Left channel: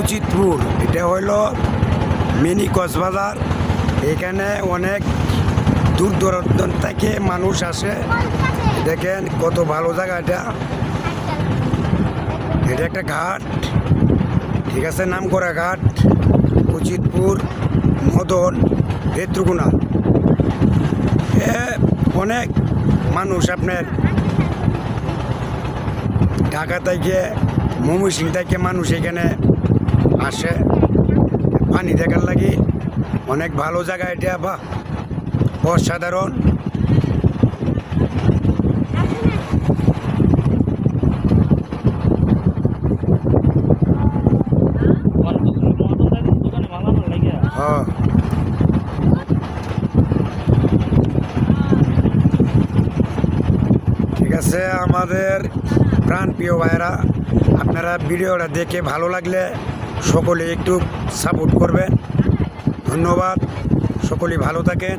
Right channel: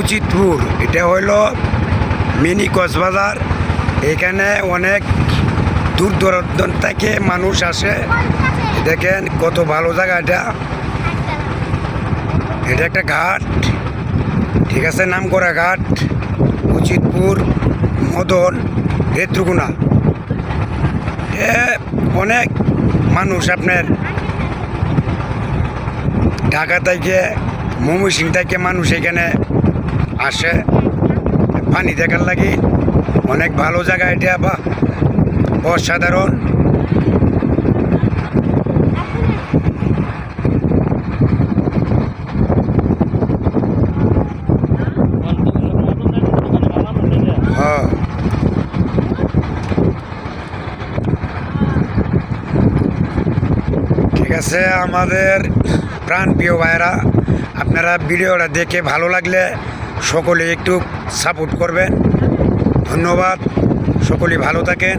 উচিতপুর, এটা হইল মিনি কক্সবাজার। এখানে অনেক দূর দূরান্ত থেকে মানুষ আসে। দেখেন কত ভালো জায়গা এটা। এটা একটা ঘাট, ঠিক আছে, নাম করা ঘাট। উচিতপুর, মদন, রেত্রুকুনা, অনেক মানুষ আপনার ঢাকা থেকে, ময়মনসিং থেকে মানুষ এখানে আসে পানি দেখার লাগে। অনেক ভালো জায়গা এটা, বা অসাধারণ। হ্যাঁ, ঠিক আছে আমাদের প্রাণপ্রিয় ভাইরা, আপনারা ভিডিওটা দেখে ভালো লাগলে সকলে একটু সাপোর্ট করবেন। ধন্যবাদ, সকলে ভালো থাকেন।